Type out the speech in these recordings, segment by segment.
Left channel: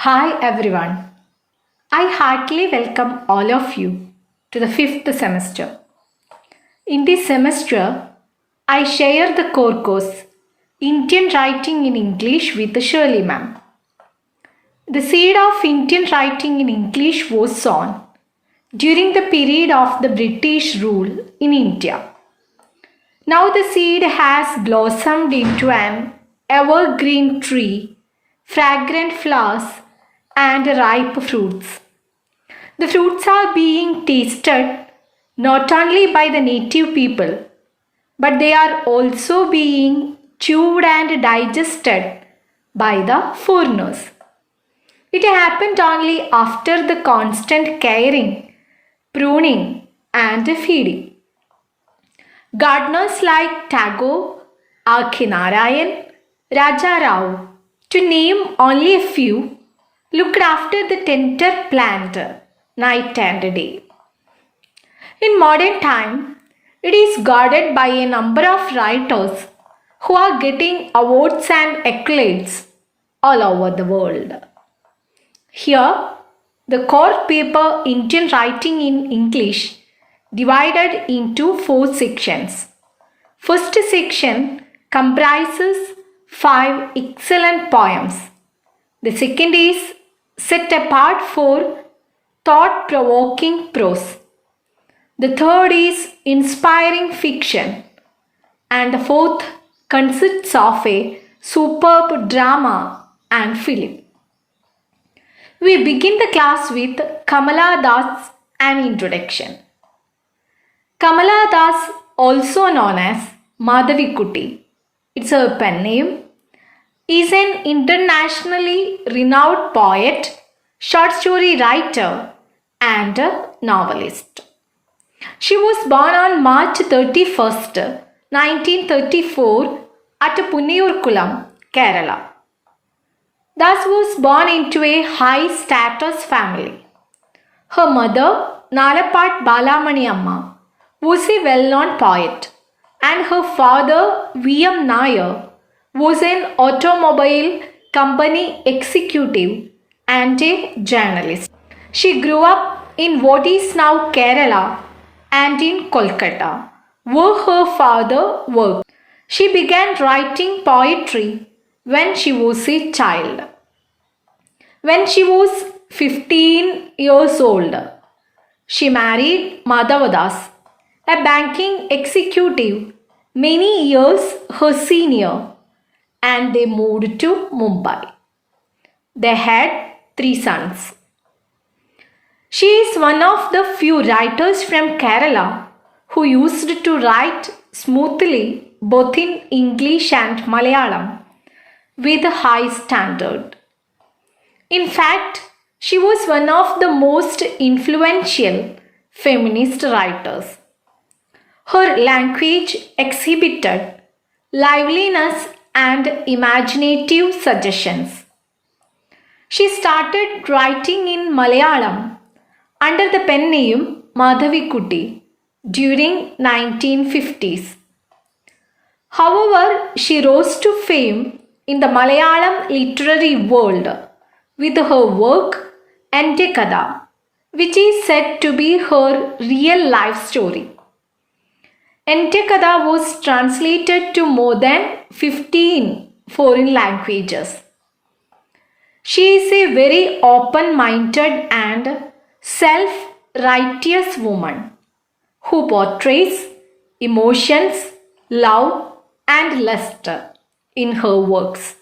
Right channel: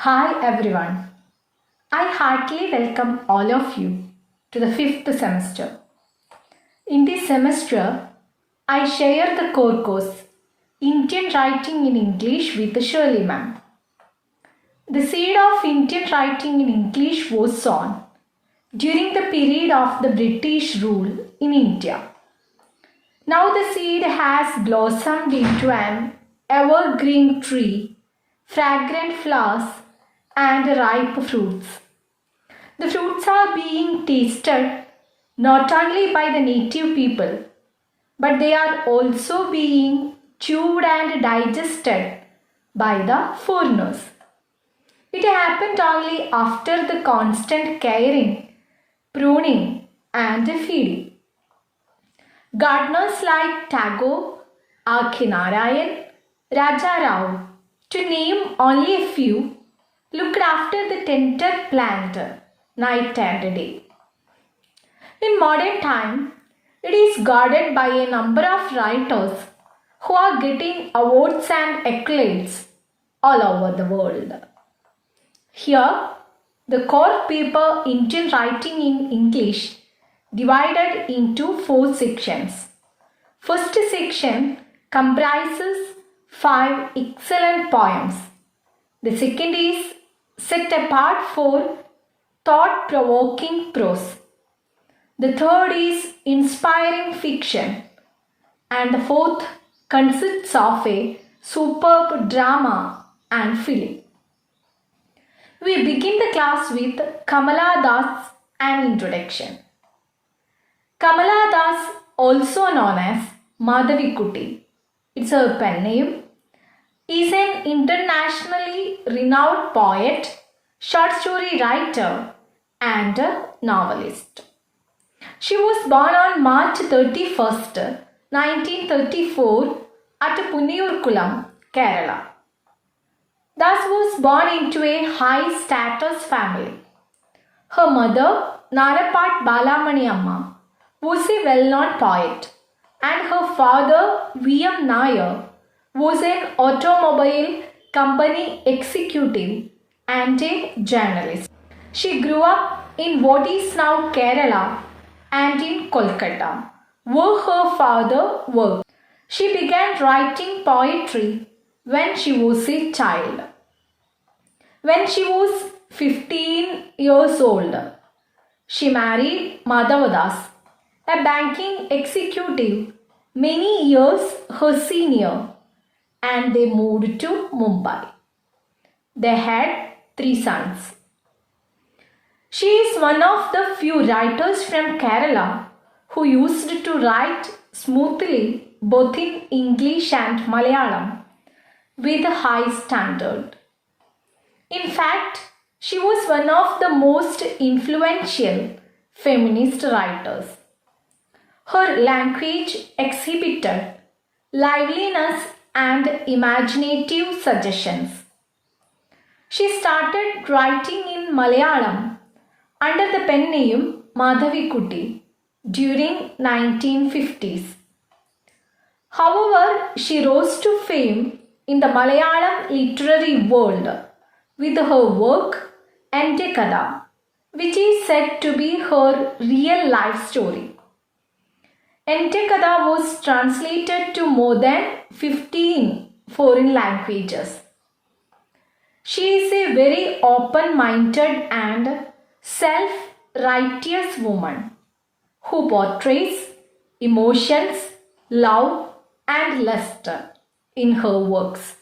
Hi everyone. I heartily welcome all of you to the fifth semester. In this semester, I share the core course Indian Writing in English with Shirley ma'am. The seed of Indian writing in English was sown during the period of the British rule in India. Now the seed has blossomed into an evergreen tree, fragrant flowers, and ripe fruits. The fruits are being tasted not only by the native people, but they are also being chewed and digested by the foreigners. It happened only after the constant caring, pruning, and feeding. Gardeners like Tagore, R.K. Narayan, Raja Rao, to name only a few, looked after the tender plant night and day. In modern time, it is guarded by a number of writers who are getting awards and accolades all over the world. Here, the core paper Indian Writing in English divided into four sections. First section comprises 5 excellent poems. The second is set apart for thought-provoking prose. The third is inspiring fiction. And the fourth consists of a superb drama and film. We begin the class with Kamala Das, an introduction. Kamala Das, also known as Madhavikutty, it's her pen name, is an internationally renowned poet, short story writer, and a novelist. She was born on March 31st, 1934 at Punniyurkulam, Kerala. Das was born into a high-status family. Her mother, Nalapat Balamani Amma, was a well-known poet, and her father, V.M. Nair, was an automobile company executive and a journalist. She grew up in what is now Kerala and in Kolkata, where her father worked. She began writing poetry when she was a child. When she was 15 years old, she married Madhavadas, a banking executive many years her senior, and they moved to Mumbai. They had 3 sons. She is one of the few writers from Kerala who used to write smoothly both in English and Malayalam with a high standard. In fact, she was one of the most influential feminist writers. Her language exhibited liveliness and imaginative suggestions. She started writing in Malayalam under the pen name Madhavikutty during 1950s. However, she rose to fame in the Malayalam literary world with her work Ente Kada, which is said to be her real life story. Ente Kada was translated to more than 15 foreign languages. She is a very open-minded and self-righteous woman who portrays emotions, love, and lust in her works.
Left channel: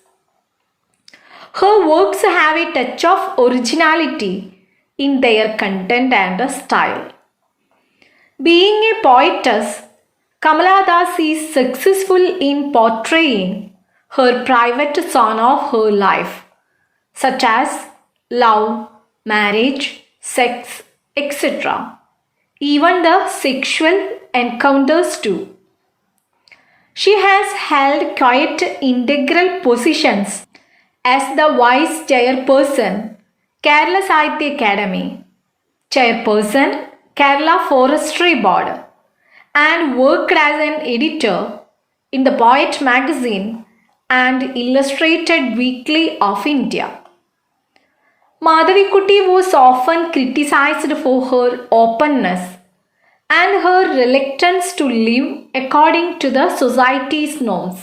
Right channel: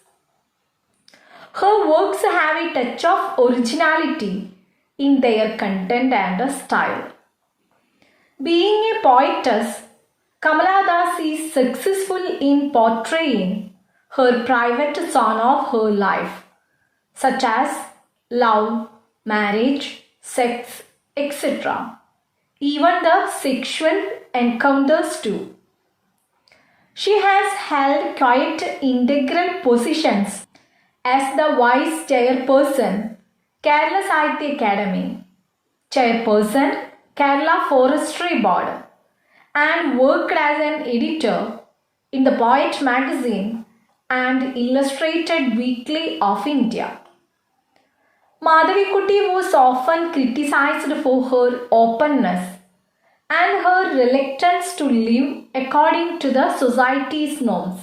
Her works have a touch of originality in their content and style. Being a poetess, Kamala Das is successful in portraying her private zone of her life, such as love, marriage, sex, etc. Even the sexual encounters too. She has held quite integral positions as the Vice Chairperson, Kerala Sahitya Academy, Chairperson, Kerala Forestry Board, and worked as an editor in the Poet magazine and Illustrated Weekly of India. Madhavikutty was often criticized for her openness and her reluctance to live according to the society's norms.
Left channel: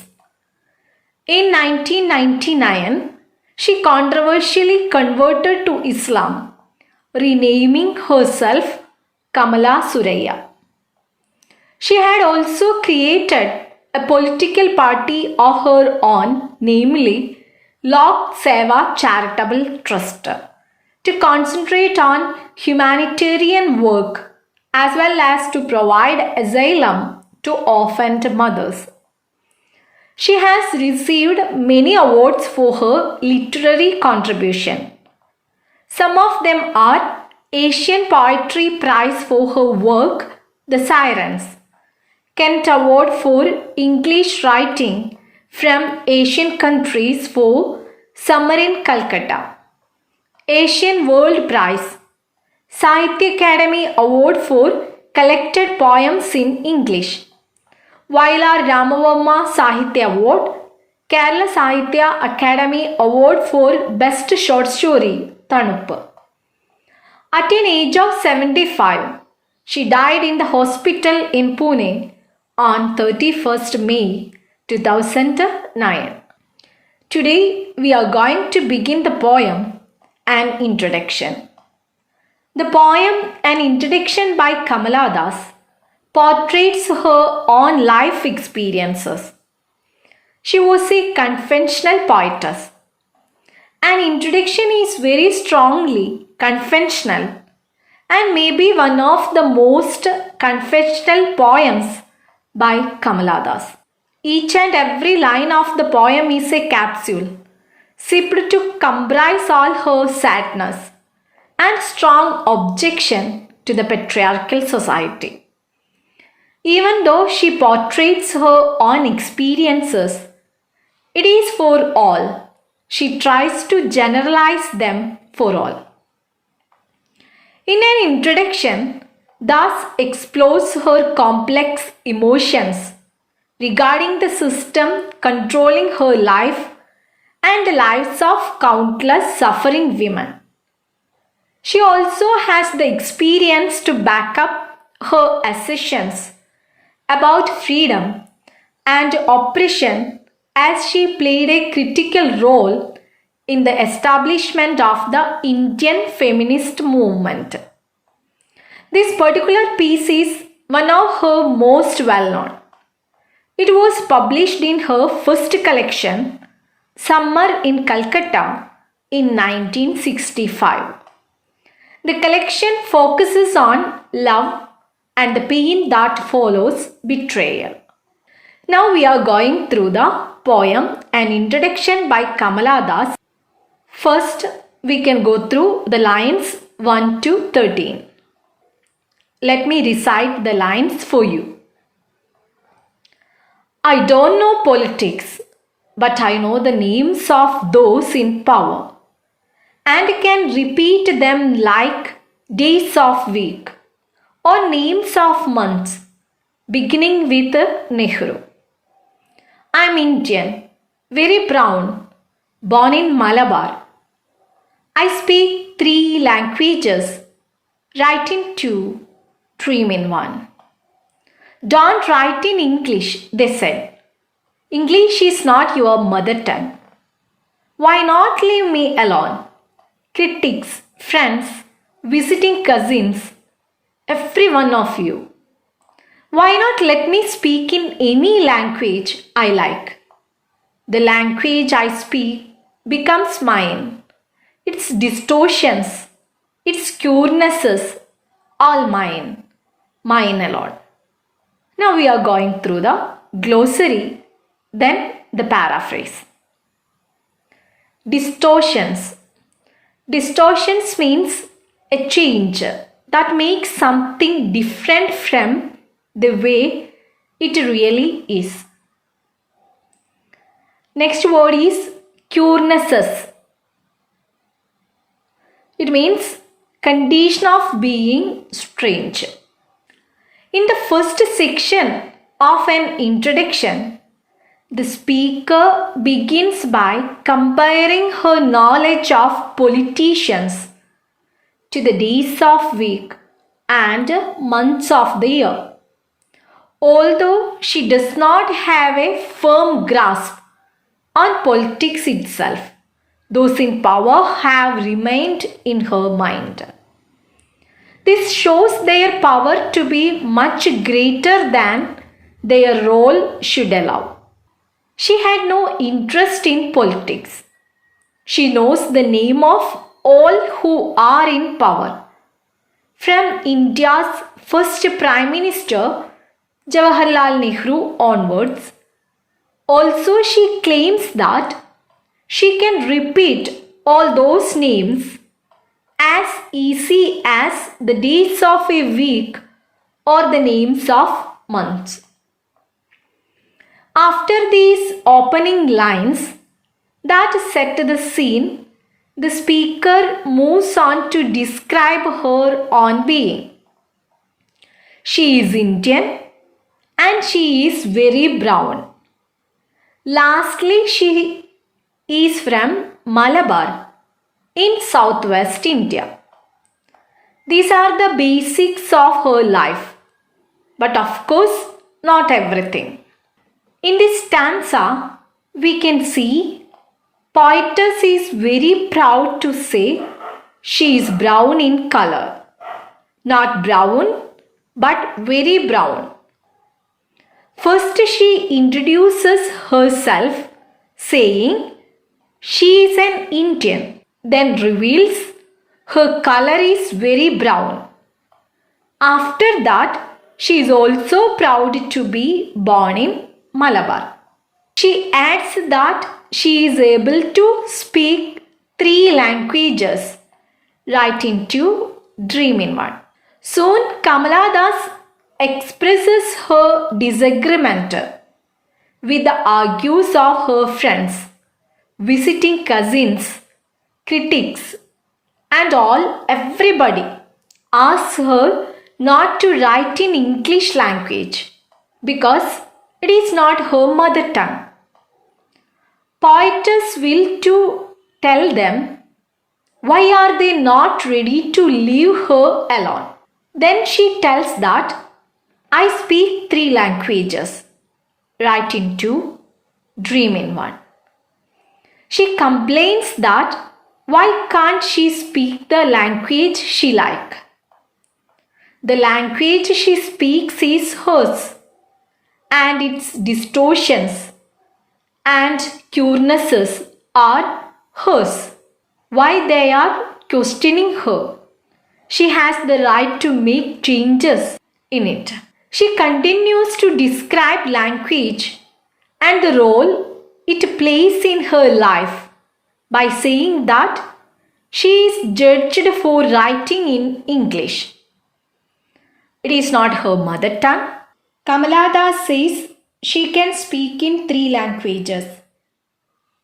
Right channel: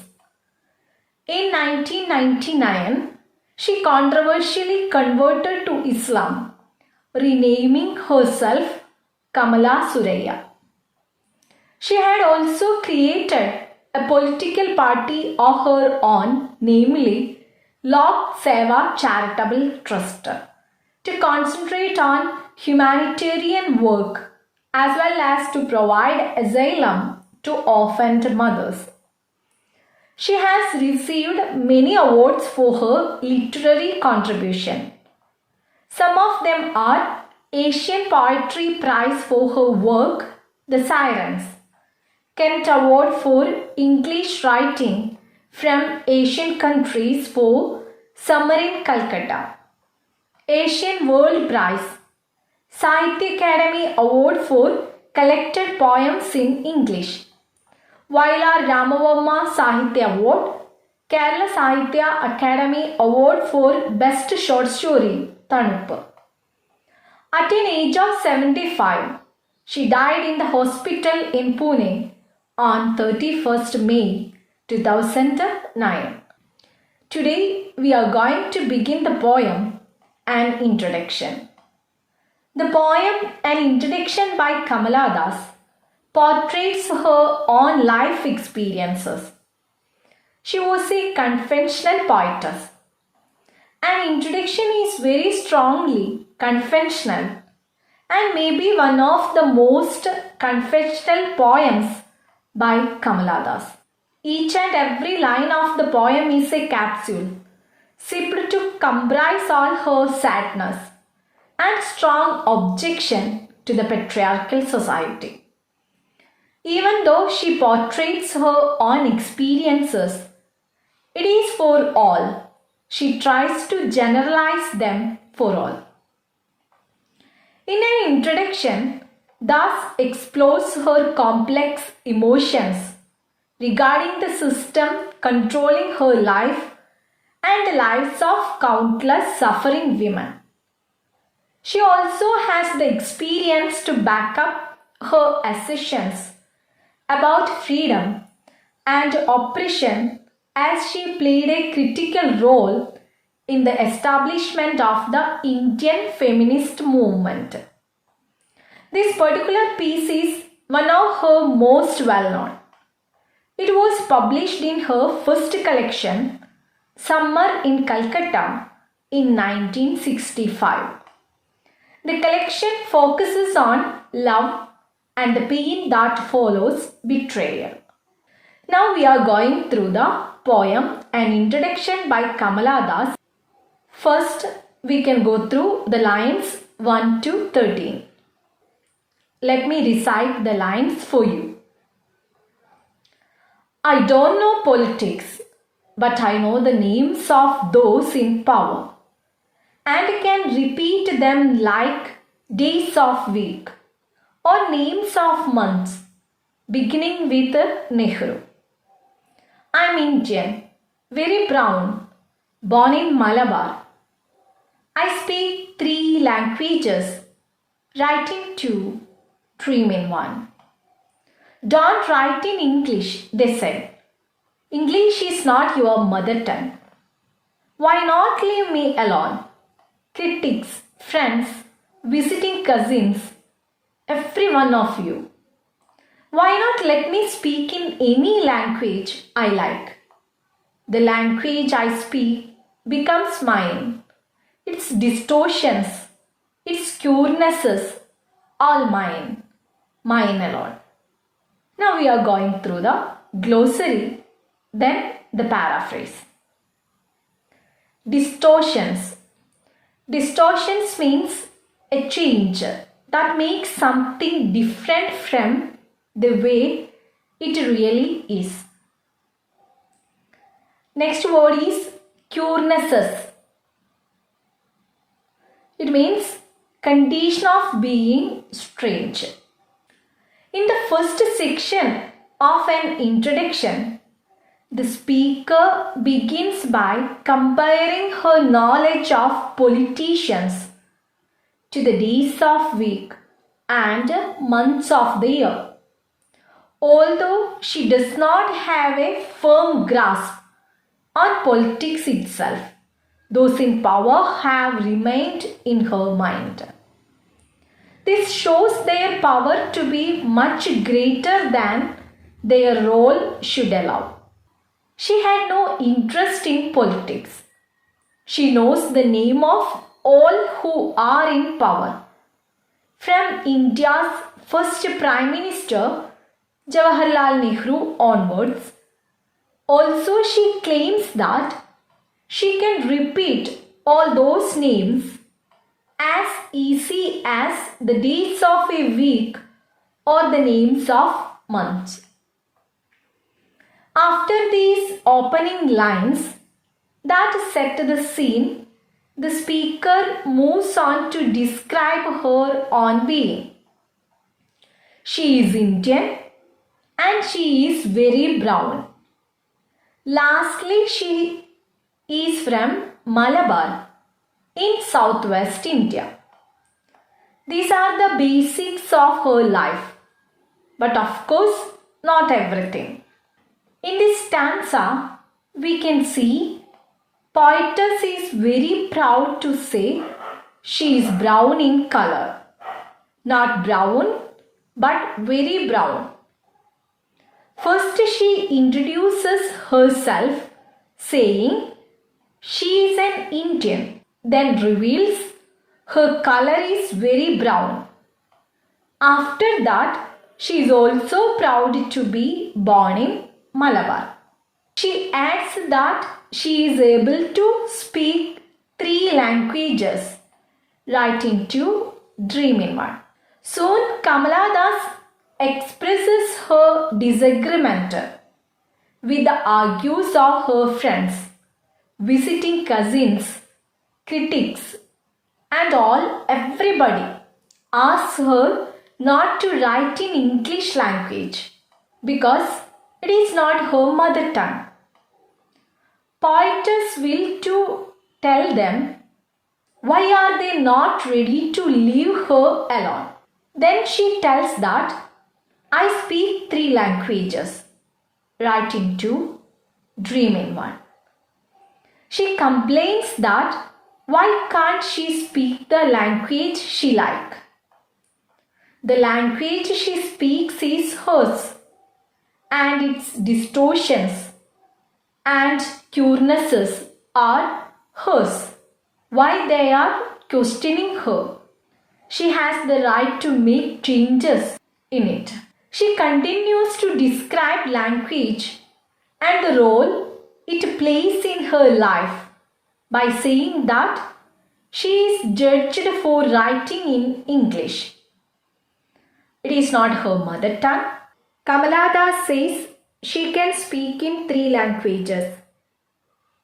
In 1999, she controversially converted to Islam, renaming herself Kamala Suraya. She had also created a political party of her own, namely Lok Seva Charitable Trust, to concentrate on humanitarian work as well as to provide asylum to orphaned mothers. She has received many awards for her literary contribution. Some of them are Asian Poetry Prize for her work The Sirens, Kent Award for English Writing from Asian Countries for Summer in Calcutta, Asian World Prize, Sahitya Academy Award for Collected Poems in English, Vailar Ramavarma Sahitya Award, Kerala Sahitya Academy Award for Best Short Story, Tanuppu. At an age of 75, she died in the hospital in Pune on 31st May 2009. Today we are going to begin the poem An Introduction. The poem An Introduction by Kamala Das portrays her own life experiences. She was a conventional poetess. An introduction is very strongly conventional and may be one of the most conventional poems by Kamala Das. Each and every line of the poem is a capsule, sipped to comprise all her sadness and strong objection to the patriarchal society. Even though she portrays her own experiences, it is for all. She tries to generalize them for all. In an introduction, Das explores her complex emotions regarding the system controlling her life and the lives of countless suffering women. She also has the experience to back up her assertions about freedom and oppression, as she played a critical role in the establishment of the Indian feminist movement. This particular piece is one of her most well-known. It was published in her first collection, Summer in Calcutta, in 1965. The collection focuses on love and the pain that follows betrayal. Now we are going through the poem An Introduction by Kamala Das. First, we can go through the lines 1 to 13. Let me recite the lines for you. I don't know politics, but I know the names of those in power and can repeat them like days of week or names of months, beginning with Nehru. I am Indian, very brown, born in Malabar. I speak 3 languages, write in 2, dream in 1. Don't write in English, they said. English is not your mother tongue. Why not leave me alone? Critics, friends, visiting cousins, every one of you. Why not let me speak in any language I like? The language I speak becomes mine. Its distortions, its curenesses, all mine, mine alone. Now we are going through the glossary, then the paraphrase. Distortions. Distortions means a change that makes something different from the way it really is. Next word is curenesses. It means condition of being strange. In the first section of an introduction, The speaker begins by comparing her knowledge of politicians to the days of week and months of the year. Although she does not have a firm grasp on politics itself, those in power have remained in her mind. This shows their power to be much greater than their role should allow. She had no interest in politics. She knows the name of all who are in power, from India's first Prime Minister Jawaharlal Nehru onwards. Also, she claims that she can repeat all those names as easy as the days of a week or the names of months. After these opening lines that set the scene, the speaker moves on to describe her own being. She is Indian and she is very brown. Lastly, she is from Malabar in southwest India. These are the basics of her life, but of course, not everything. In this stanza, we can see poetess is very proud to say she is brown in color. Not brown, but very brown. First, she introduces herself saying she is an Indian, then reveals her color is very brown. After that, she is also proud to be born in Malabar. She adds that she is able to speak 3 languages, writing 2, dream in 1. Soon Kamala thus expresses her disagreement with the argues of her friends, visiting cousins, critics, and everybody asks her not to write in English language because it is not her mother tongue. Poetess will to tell them why are they not ready to leave her alone. Then she tells that I speak 3 languages, write in 2, dream in 1. She complains that why can't she speak the language she likes? The language she speaks is hers, and its distortions and curenesses are hers. Why they are questioning her? She has the right to make changes in it. She continues to describe language and the role it plays in her life by saying that she is judged for writing in English. It is not her mother tongue. Kamala Das says she can speak in 3 languages.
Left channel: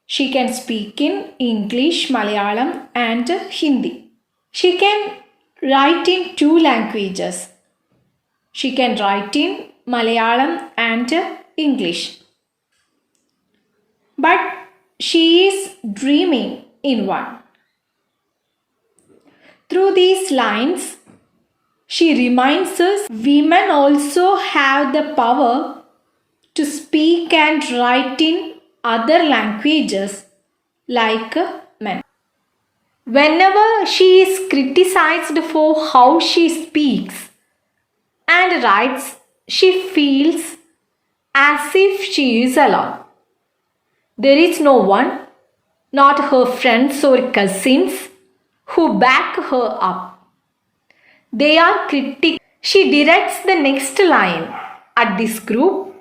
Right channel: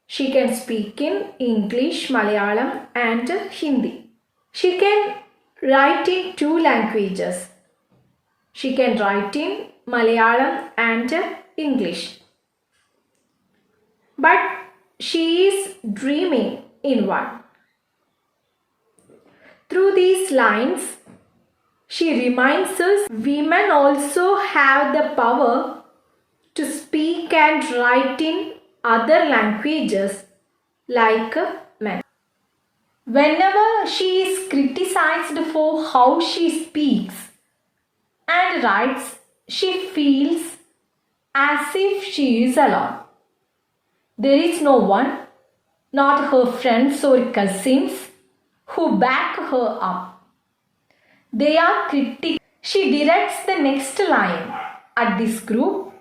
She can speak in English, Malayalam and Hindi. She can write in 2 languages. She can write in Malayalam and English. But she is dreaming in 1. Through these lines, she reminds us women also have the power to speak and write in other languages like men. Whenever she is criticized for how she speaks and writes, she feels as if she is alone. There is no one, not her friends or cousins, who back her up. They are critics. She directs the next line at this group,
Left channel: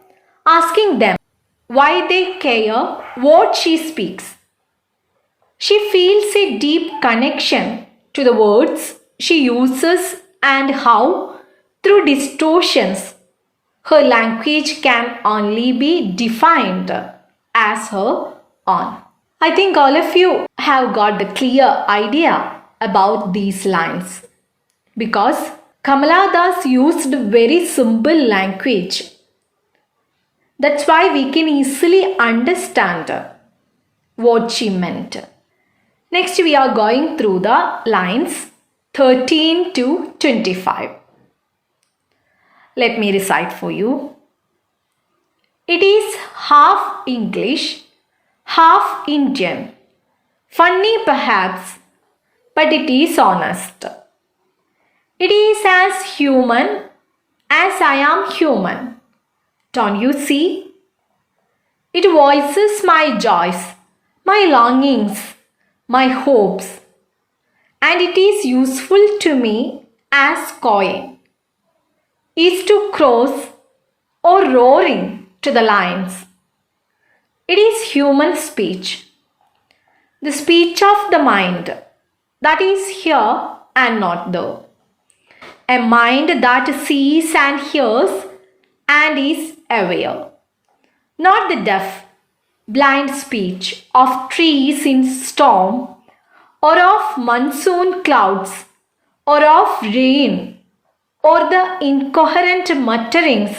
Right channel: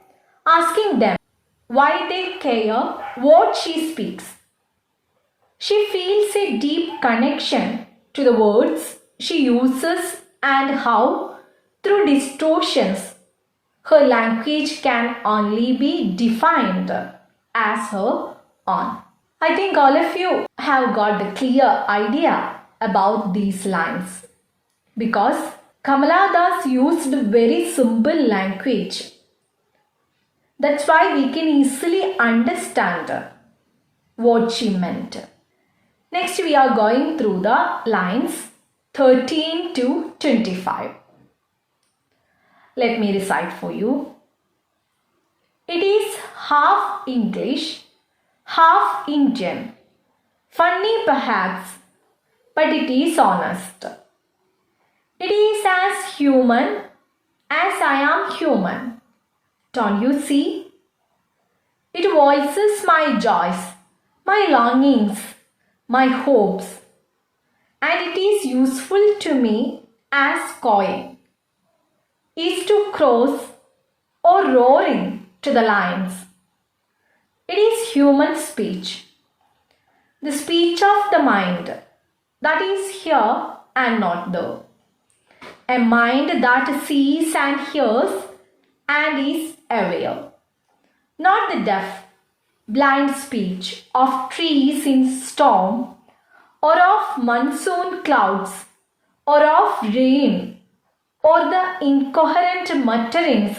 asking them why they care what she speaks. She feels a deep connection to the words she uses and how, through distortions, her language can only be defined as her own. I think all of you have got the clear idea about these lines. Because Kamala Das used very simple language. That's why we can easily understand what she meant. Next, we are going through the lines 13 to 25. Let me recite for you. It is half English, half Indian. Funny perhaps, but it is honest. It is as human as I am human. Don't you see? It voices my joys, my longings, my hopes, and it is useful to me as coin is to cross or roaring to the lines. It is human speech, the speech of the mind that is here and not there. A mind that sees and hears and is aware. Not the deaf, blind speech of trees in storm, or of monsoon clouds, or of rain, or the incoherent mutterings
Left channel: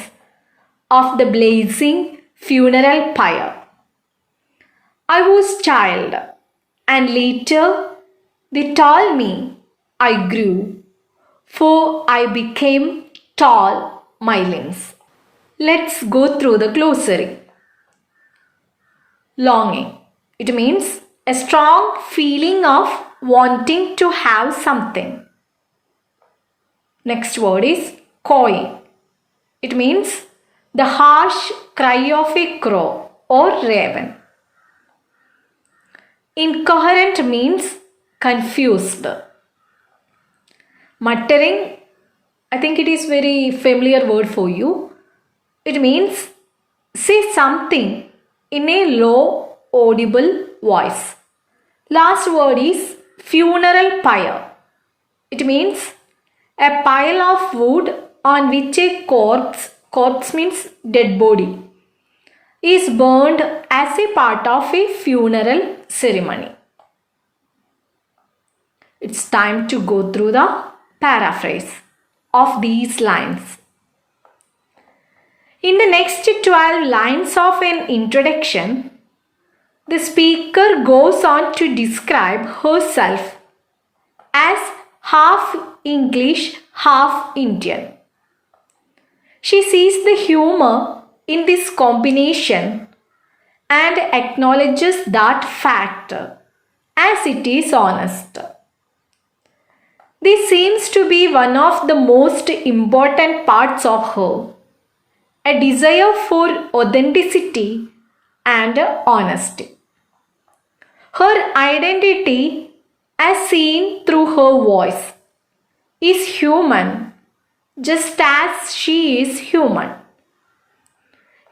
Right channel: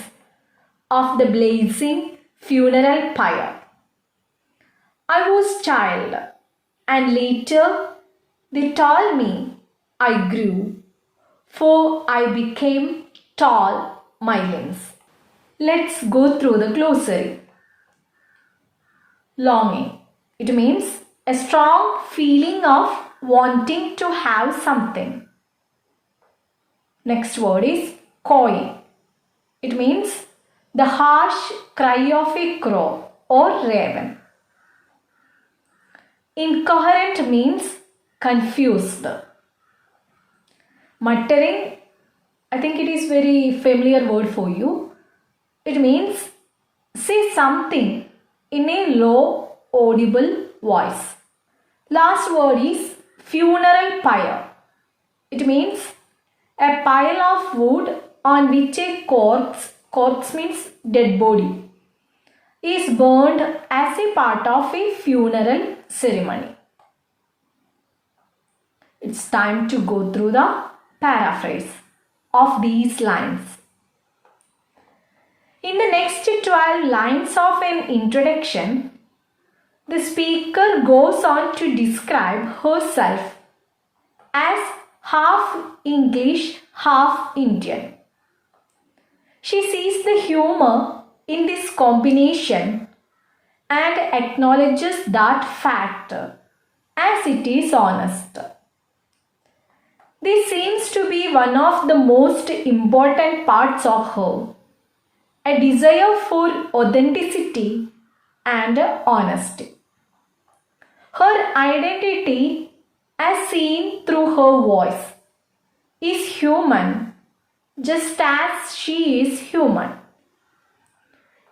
of the blazing funeral pyre. I was child, and later they told me I grew, for I became tall my limbs. Let's go through the glossary. Longing. It means a strong feeling of wanting to have something. Next word is cawing. It means the harsh cry of a crow or raven. Incoherent means confused. Muttering, I think it is very familiar word for you. It means say something in a low audible voice. Last word is funeral pyre. It means a pile of wood on which a corpse means dead body, is burned as a part of a funeral ceremony. It's time to go through the paraphrase of these lines. In the next 12 lines of an introduction, the speaker goes on to describe herself as half English, half Indian. She sees the humor in this combination and acknowledges that fact as it is honest. This seems to be one of the most important parts of her, a desire for authenticity and honesty. Her identity, as seen through her voice, is human just as she is human.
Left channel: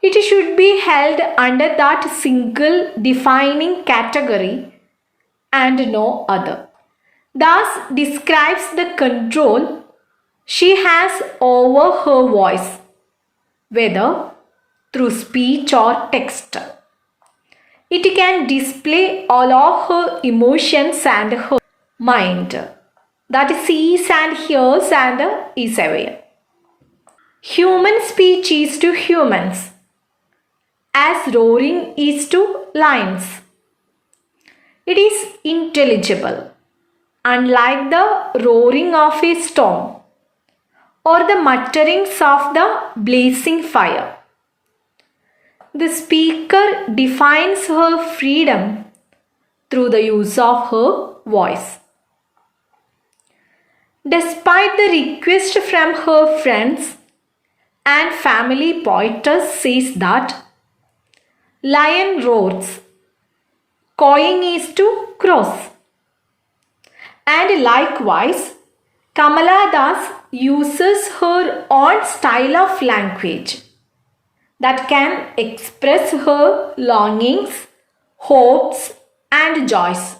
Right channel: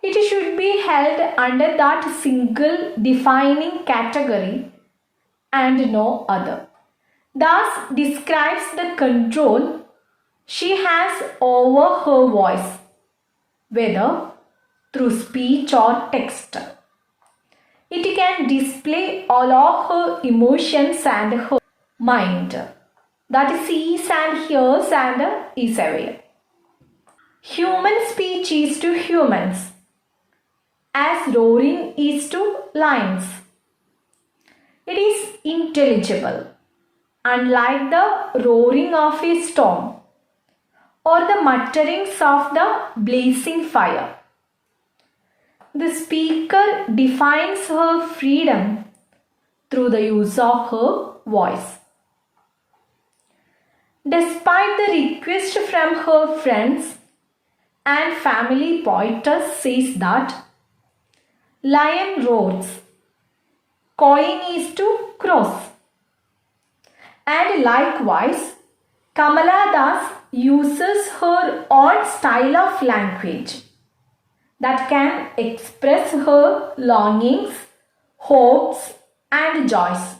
It should be held under that single defining category and no other. Thus describes the control she has over her voice, whether through speech or text. It can display all of her emotions and her mind that sees and hears and is aware. Human speech is to humans, as roaring is to lions. It is intelligible, unlike the roaring of a storm or the mutterings of the blazing fire. The speaker defines her freedom through the use of her voice. Despite the request from her friends and family, poetess says that lion roars, cawing is to cross. And likewise, Kamala thus uses her own style of language that can express her longings, hopes, and joys.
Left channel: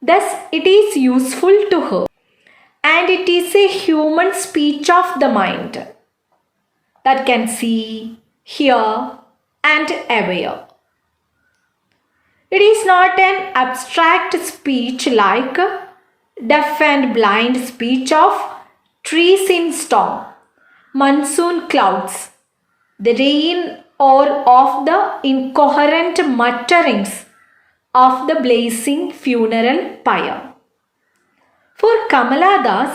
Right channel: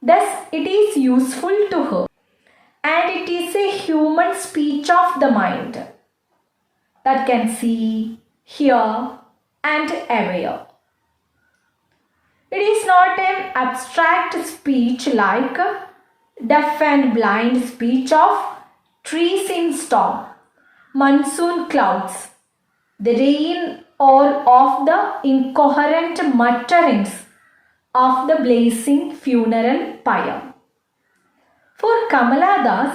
Thus, it is useful to her, and it is a human speech of the mind that can see, hear, and aware. It is not an abstract speech like deaf and blind speech of trees in storm, monsoon clouds, the rain or of the incoherent mutterings of the blazing funeral pyre. For Kamala Das,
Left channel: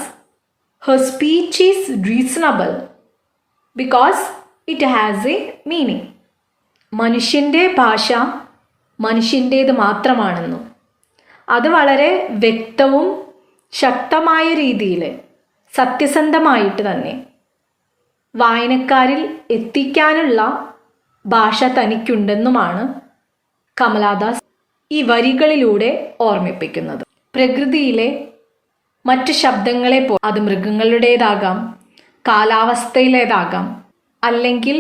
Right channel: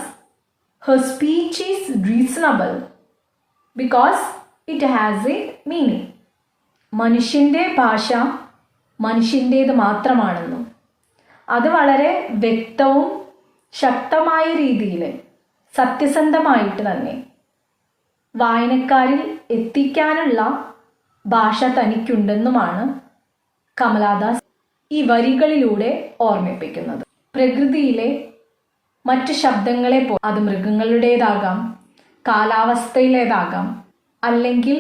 her speech is reasonable because it has a meaning. മനുഷ്യൻ്റെ ഭാഷ മനുഷ്യൻ്റേത് മാത്രമാണെന്നും അത് വളരെ വ്യക്തവും ശക്തമായ രീതിയിൽ സത്യസന്ധമായിട്ട് തന്നെ വായനക്കാരിൽ എത്തിക്കാനുള്ള ഭാഷ തനിക്കുണ്ടെന്നുമാണ് കമലാദാസ് ഈ വരികളിലൂടെ ഓർമ്മിപ്പിക്കുന്നത്. പ്രകൃതിയിലെ മറ്റ് ശബ്ദങ്ങളെ അത് മൃഗങ്ങളുടേതാകാം, കാലാവസ്ഥയിലേതാകാം, അല്ലെങ്കിൽ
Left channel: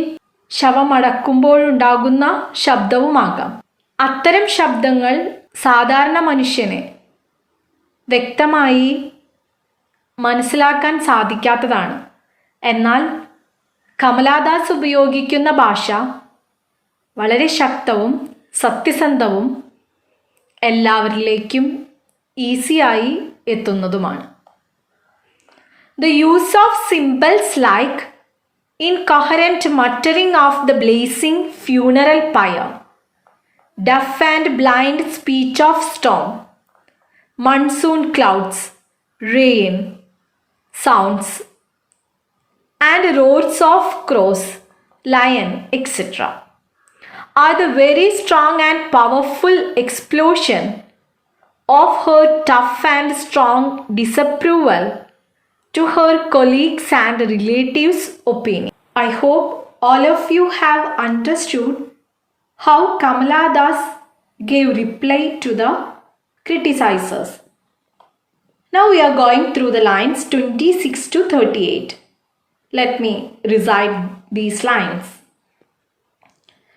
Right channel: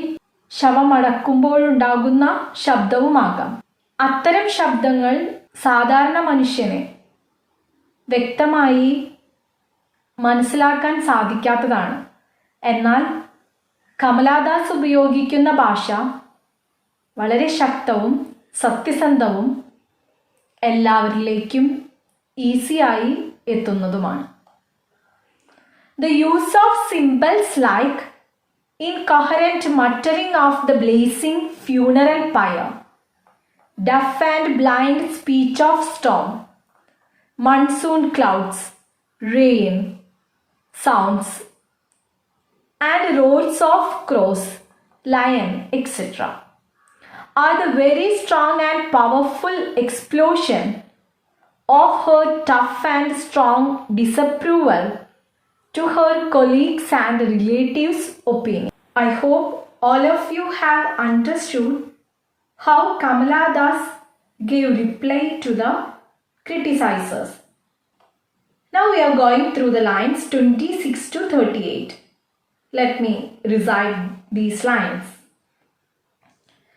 ശവമടക്കുമ്പോഴുണ്ടാകുന്ന ശബ്ദവുമാകാം. അത്തരം ശബ്ദങ്ങൾ സാധാരണ മനുഷ്യനെ വ്യക്തമായി മനസ്സിലാക്കാൻ സാധിക്കാത്തതാണ്. എന്നാൽ കമലാദാസ് ഉപയോഗിക്കുന്ന ഭാഷ വളരെ ശക്തവും സത്യസന്ധവും എല്ലാവരിലേക്കും ഈസിയായി എത്തുന്നതുമാണ്. The use of symbols like incoherent muttering of the blazing funeral pyre, deaf and blind speech of storm, monsoon clouds, rain, sounds, and roars of crows, lion, etc. are the very strong and powerful explosion of her tough and strong disapproval to her colleagues and relatives' opinion. I hope all of you have understood how Kamala Das gave reply to the criticizers. Now we are going through the lines 26 to 38. Let me recite these lines.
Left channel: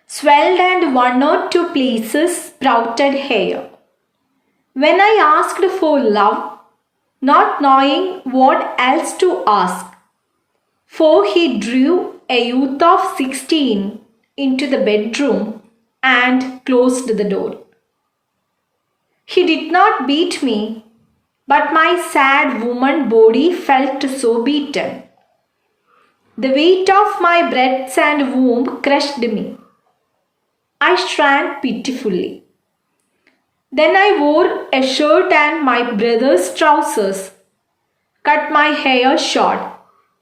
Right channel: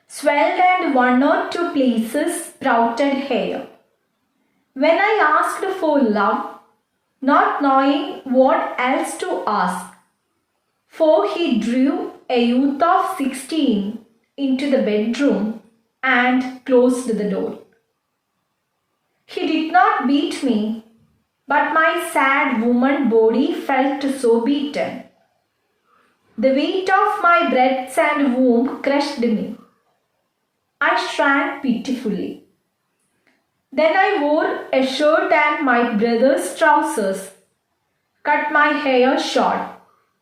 Swelled and one or two places sprouted hair. When I asked for love, not knowing what else to ask, for he drew a youth of 16 into the bedroom and closed the door. He did not beat me, but my sad woman body felt so beaten. The weight of my breasts and womb crushed me. I shrank pitifully. Then I wore a shirt and my brother's trousers, cut my hair short,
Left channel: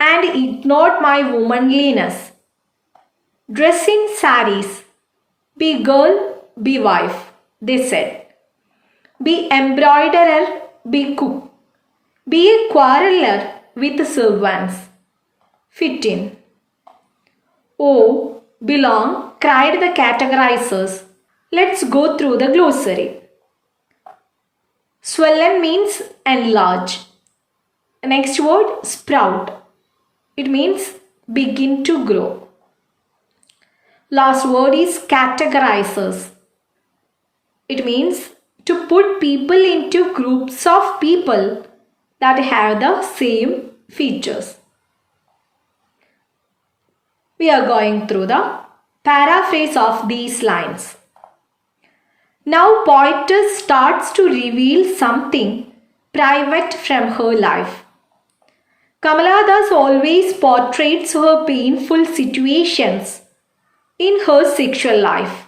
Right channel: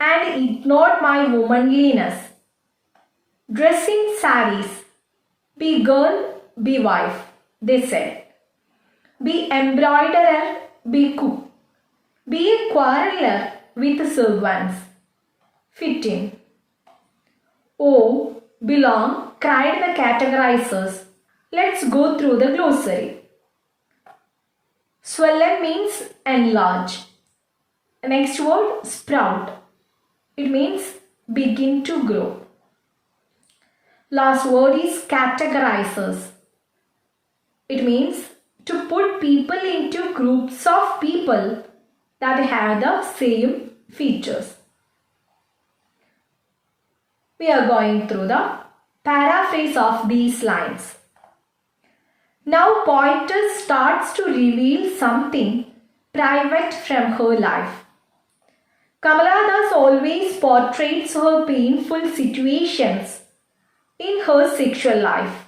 and ignored my womanliness. Dress in saris, be girl, be wife, they said. Be embroiderer, be cook, be a quarreler with servants. Fit in. Oh, belong, cried the categorizers. Let's go through the glossary. Swollen means enlarge. Next word, sprout. It means begin to grow. Last word is categorizers. It means to put people into groups of people that have the same features. We are going through the paraphrase of these lines. Now poetess starts to reveal something private from her life. Kamala Das always portrays her painful situations in her sexual life.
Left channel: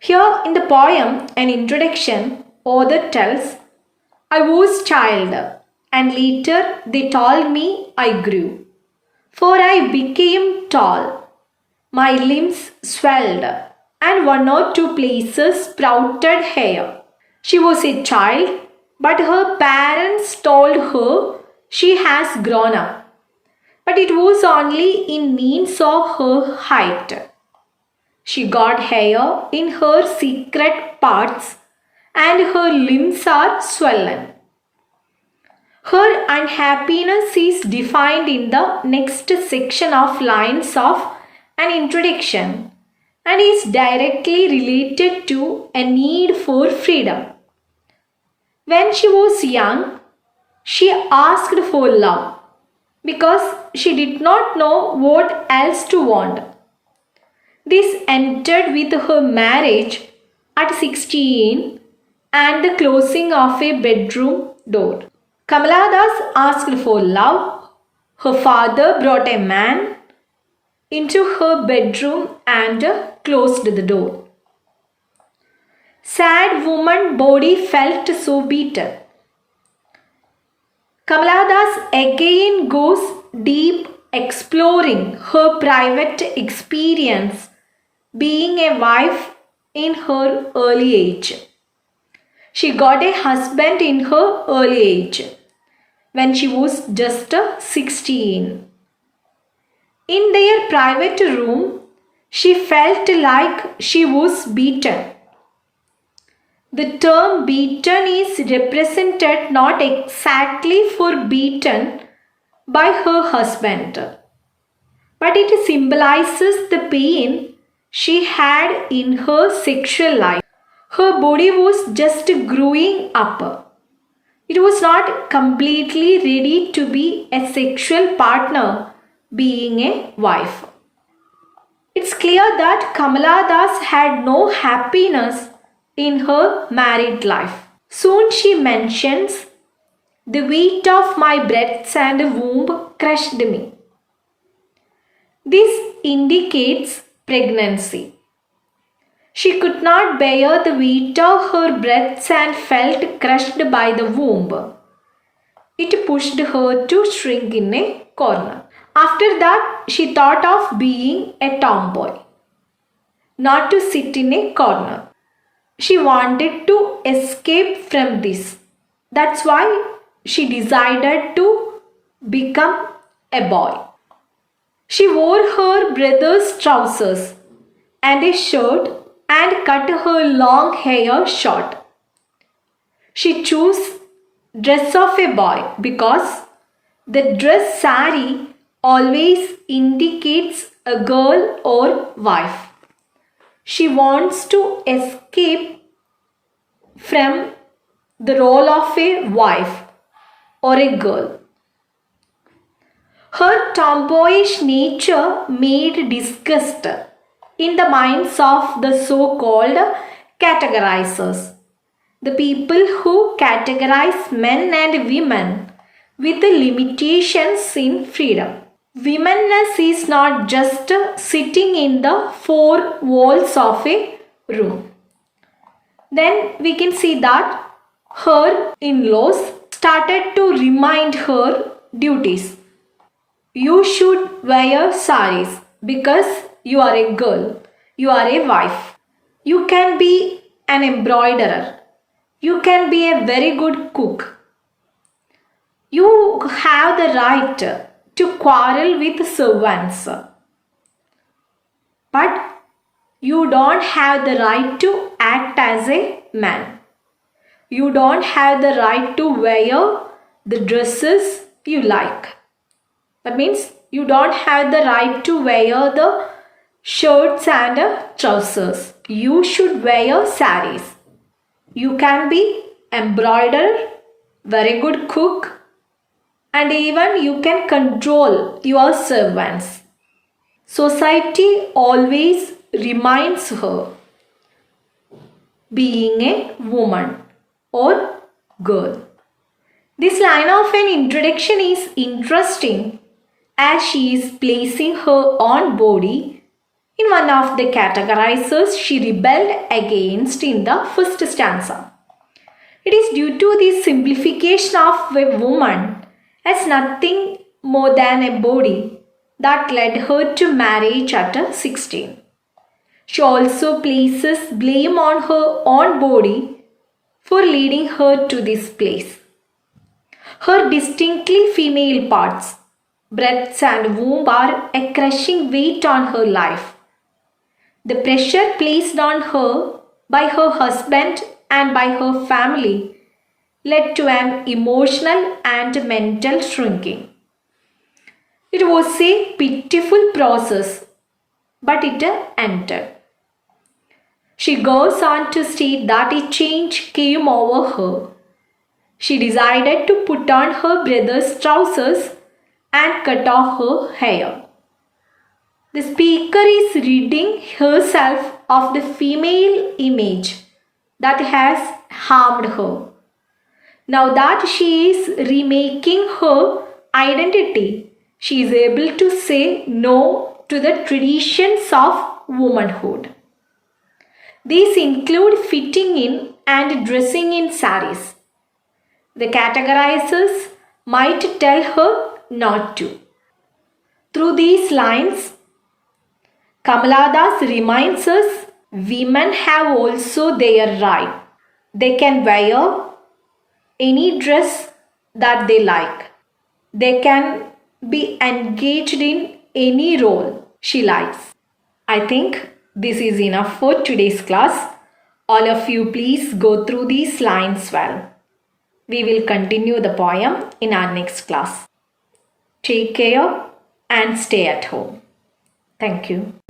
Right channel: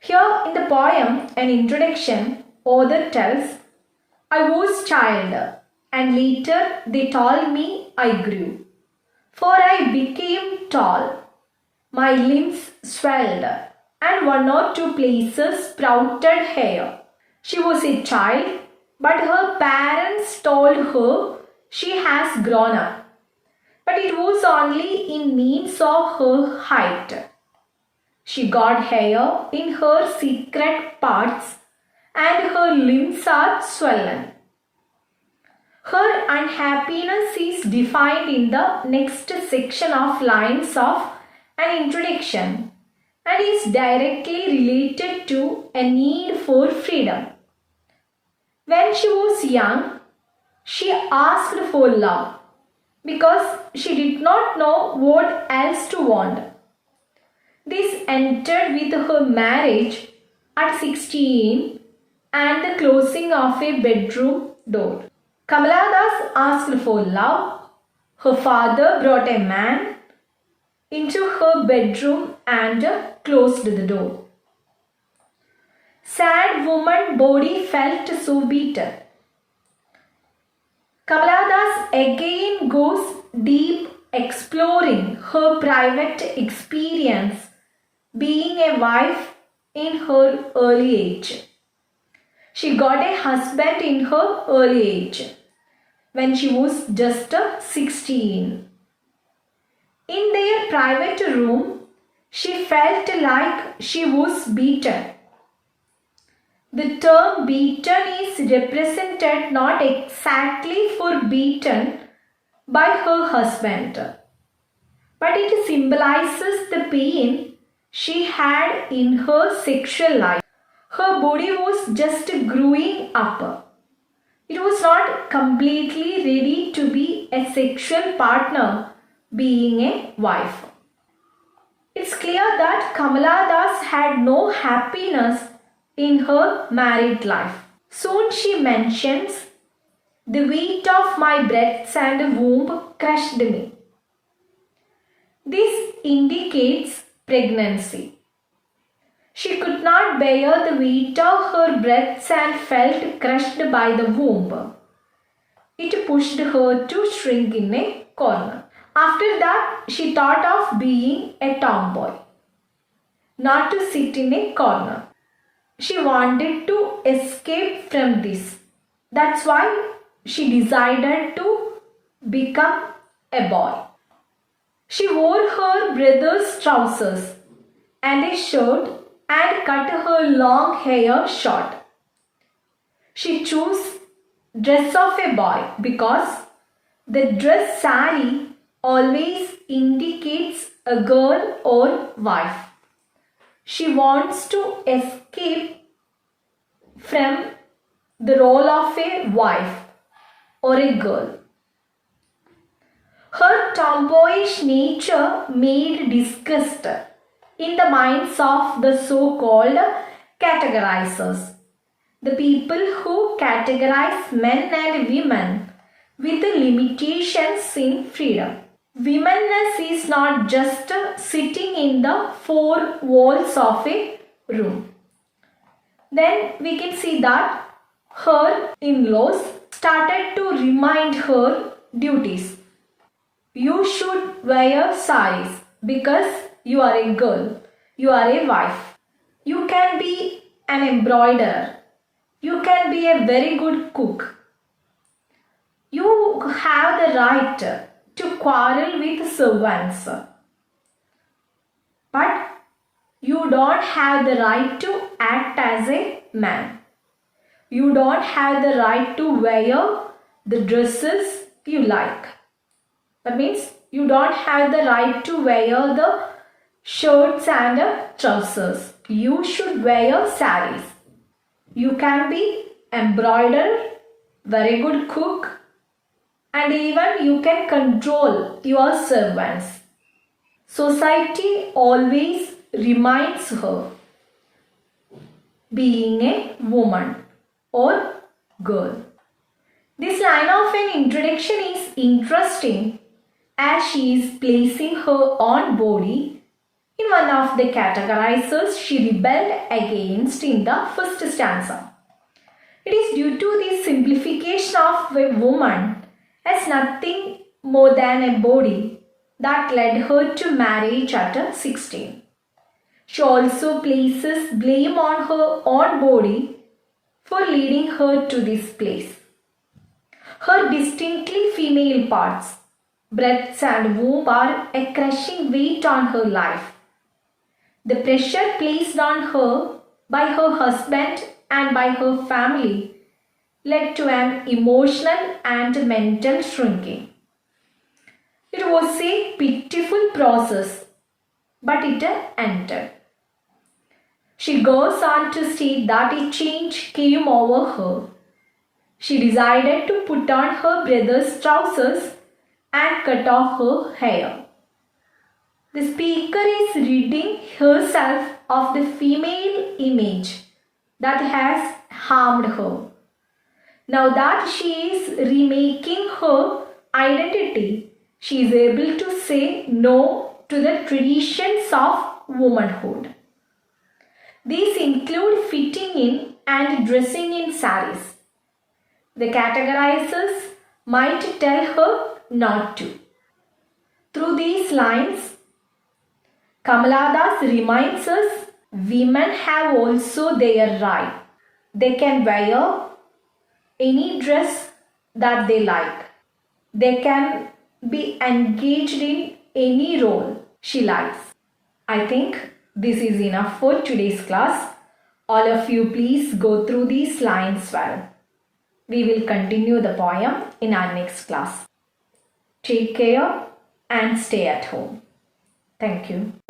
Here in the poem, an introduction, author tells, I was child and later they told me I grew. For I became tall, my limbs swelled, and one or two places sprouted hair. She was a child, but her parents told her she has grown up. But it was only in means of her height. She got hair in her secret parts, and her limbs are swollen. Her unhappiness is defined in the next section of lines of an introduction and is directly related to a need for freedom. When she was young, she asked for love because she did not know what else to want. This entered with her marriage at 16 and the closing of a bedroom door. Kamala Das asked for love. Her father brought a man into her bedroom and closed the door. Sad woman body felt so beaten. Kamala Das again goes deep, exploring her private experience being a wife in her early age. She got a husband in her early age, when she was just 16. In their private room, she felt like she was beaten. The term beaten is represented not exactly for beaten by her husband, but it symbolizes the pain she had in her sexual life. Her body was just growing up. It was not completely ready to be a sexual partner, being a wife. It's clear that Kamala Das had no happiness in her married life. Soon she mentions, "The weight of my breasts and womb crushed me." This indicates pregnancy. She could not bear the weight of her breasts and felt crushed by the womb. It pushed her to shrink in a corner. After that, she thought of being a tomboy, not to sit in a corner. She wanted to escape from this. That's why she decided to become a boy. She wore her brother's trousers and a shirt and cut her long hair short. She chose dress of a boy because the dress sari always indicates a girl or wife. She wants to escape from the role of a wife or a girl. Her tomboyish nature made disgust in the minds of the so-called categorizers, the people who categorize men and women with the limitations in freedom. Womanness is not just sitting in the four walls of a room. Then we can see that her in-laws started to remind her duties. You should wear saris because you are a girl, you are a wife. You can be an embroiderer. You can be a very good cook. You have the right to quarrel with servants. But you don't have the right to act as a man. You don't have the right to wear the dresses you like. That means you don't have the right to wear the shirts and trousers. You should wear saris. You can be embroiderer, very good cook, and even you can control your servants. Society always reminds her being a woman or girl. This line of an introduction is interesting as she is placing her own body in one of the categorizers she rebelled against in the first stanza. It is due to the simplification of a woman as nothing more than a body that led her to marriage at 16. She also places blame on her own body for leading her to this place. Her distinctly female parts, breasts and womb, are a crushing weight on her life. The pressure placed on her by her husband and by her family led to an emotional and mental shrinking. It was a pitiful process, but it ended. She goes on to state that a change came over her. She decided to put on her brother's trousers and cut off her hair. The speaker is ridding herself of the female image that has harmed her. Now that she is remaking her identity, she is able to say no to the traditions of womanhood. These include fitting in and dressing in saris. The categorizers might tell her not to. Through these lines, Kamala Das reminds us women have also their right. They can wear any dress that they like. They can be engaged in any role she likes. I think this is enough for today's class. All of you please go through these lines well. We will continue the poem in our next class. Take care and stay at home. Thank you.